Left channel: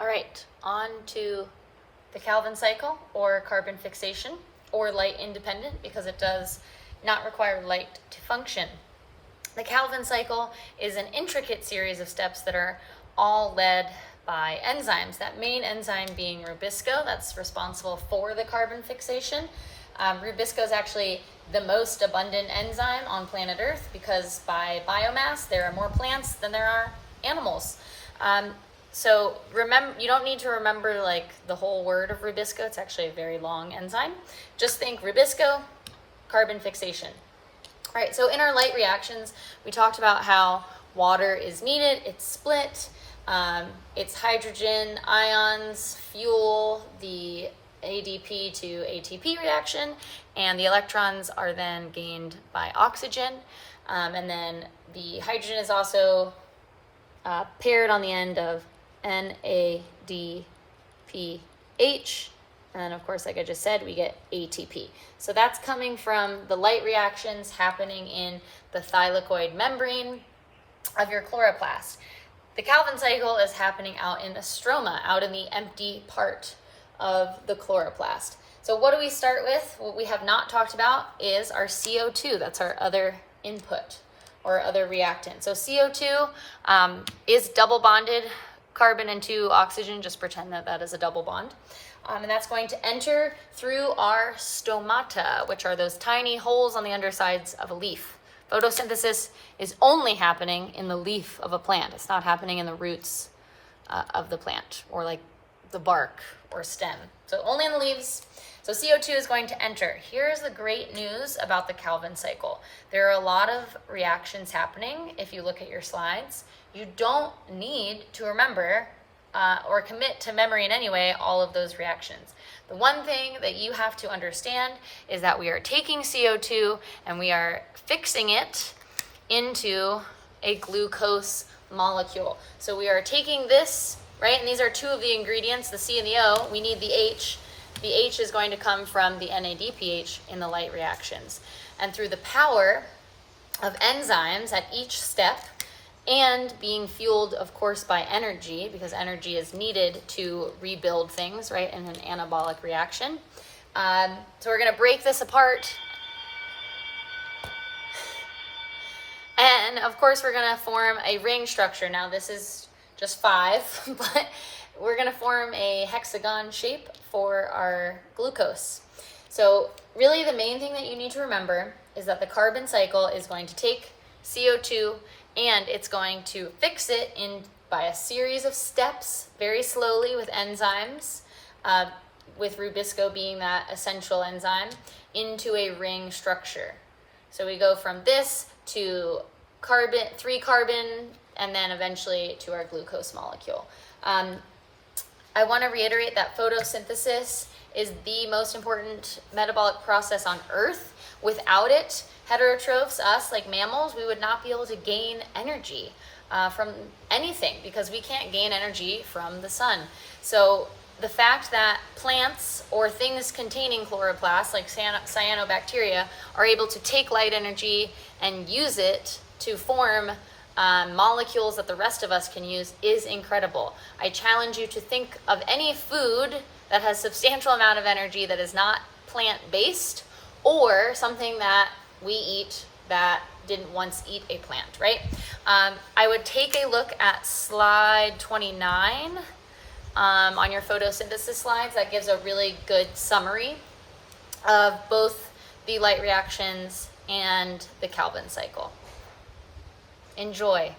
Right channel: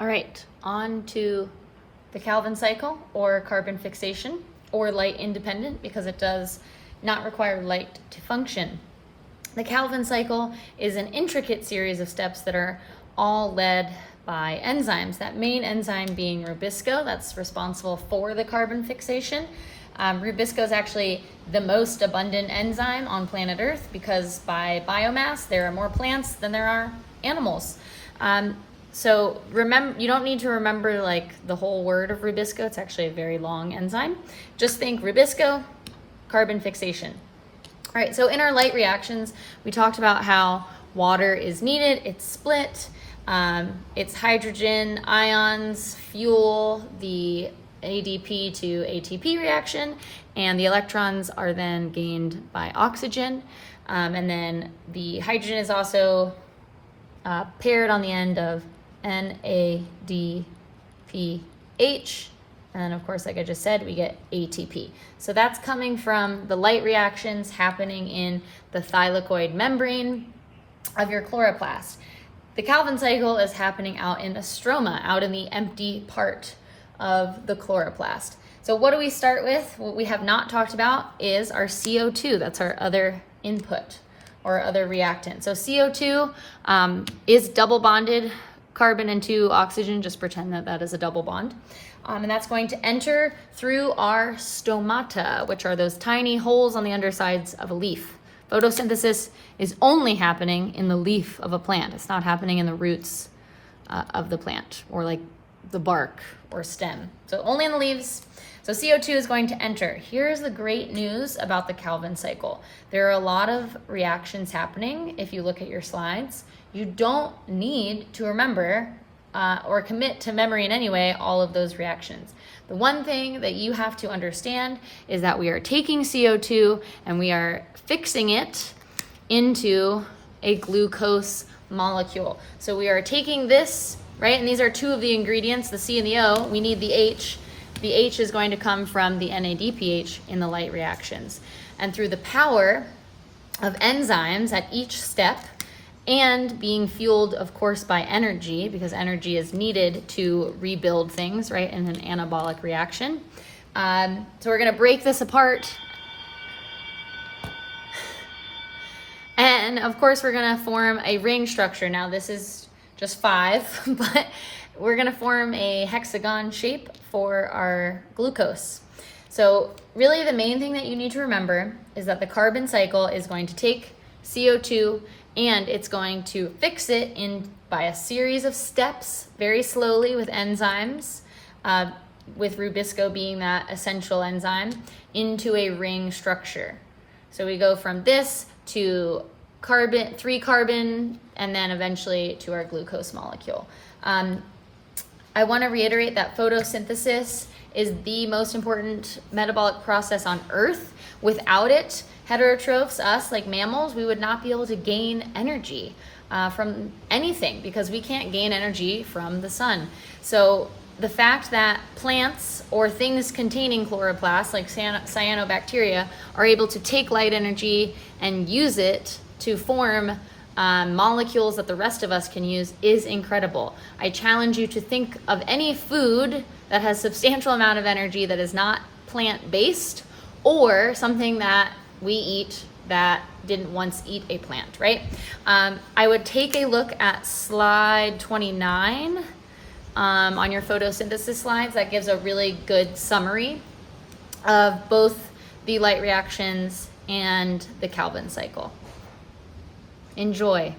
All right, on to the Calvin cycle, or carbon fixation, or light independent, because it does not require light to function. The Calvin cycle is an intricate series of steps that are all led by enzymes. That main enzyme being Rubisco, that's responsible for the carbon fixation. Rubisco is actually the most abundant enzyme on planet Earth because by biomass there are more plants than there are animals. So remember, you don't need to remember like the whole word of Rubisco. It's actually a very long enzyme. Just think Rubisco, carbon fixation. All right, so in our light reactions, we talked about how water is needed. It's split. It's hydrogen ions fuel the ADP to ATP reaction, and the electrons are then gained by oxygen. And then the hydrogen is also paired on the end of NADPH, and then of course, like I just said, we get ATP. So that's coming from the light reactions happening in the thylakoid membrane of your chloroplast. The Calvin cycle is happening out in the stroma, out in the empty part of the chloroplast. So what do we start with? What we have not talked about is our CO2. That's our other input or other reactant. So CO2 is double bonded carbon and 2 oxygen. Just pretend that that is a double bond. And that's going to enter through our stomata, which are those tiny holes on the undersides of a leaf. Photosynthesis is only happening in the leaf of a plant. It's not happening in the roots of the plant, or like the bark or stem. So only in the leaves. So CO2 is going to enter. Here's the great news about the Calvin cycle. There are a lot of reactions happening. If you look at your slides, you don't need to remember or commit to memory in any way all of those reactions. The one thing that you have to understand is that we are taking CO2 and we are fixing it into a glucose molecule. So we are taking this, right? And these are two of the ingredients, the C and the O. We need the H. The H is going to come from the NADPH in the light reactions. And through the power of enzymes at each step, and being fueled, of course, by energy, because energy is needed to rebuild things, right, in an anabolic reaction. So we're going to break this apart. And, of course, we're going to form a ring structure. Now, this is just 5, but we're going to form a hexagon shape for our glucose. So really the main thing that you need to remember is that the carbon cycle is going to take CO2 and it's going to fix it in by a series of steps, very slowly with enzymes, with Rubisco being that essential enzyme, into a ring structure. So we go from this to carbon, 3 carbon, and then eventually to our glucose molecule. I want to reiterate that photosynthesis is the most important metabolic process on Earth. Without it, heterotrophs, us like mammals, we would not be able to gain energy from anything because we can't gain energy from the sun. So the fact that plants or things containing chloroplasts like cyanobacteria are able to take light energy and use it to form molecules that the rest of us can use is incredible. I challenge you to think of any food that has substantial amount of energy that is not plant-based, or something that we eat that didn't once eat a plant, right? I would take a look at slide 29 on your photosynthesis slides. That gives a really good summary of both the light reactions and the Calvin cycle. Enjoy.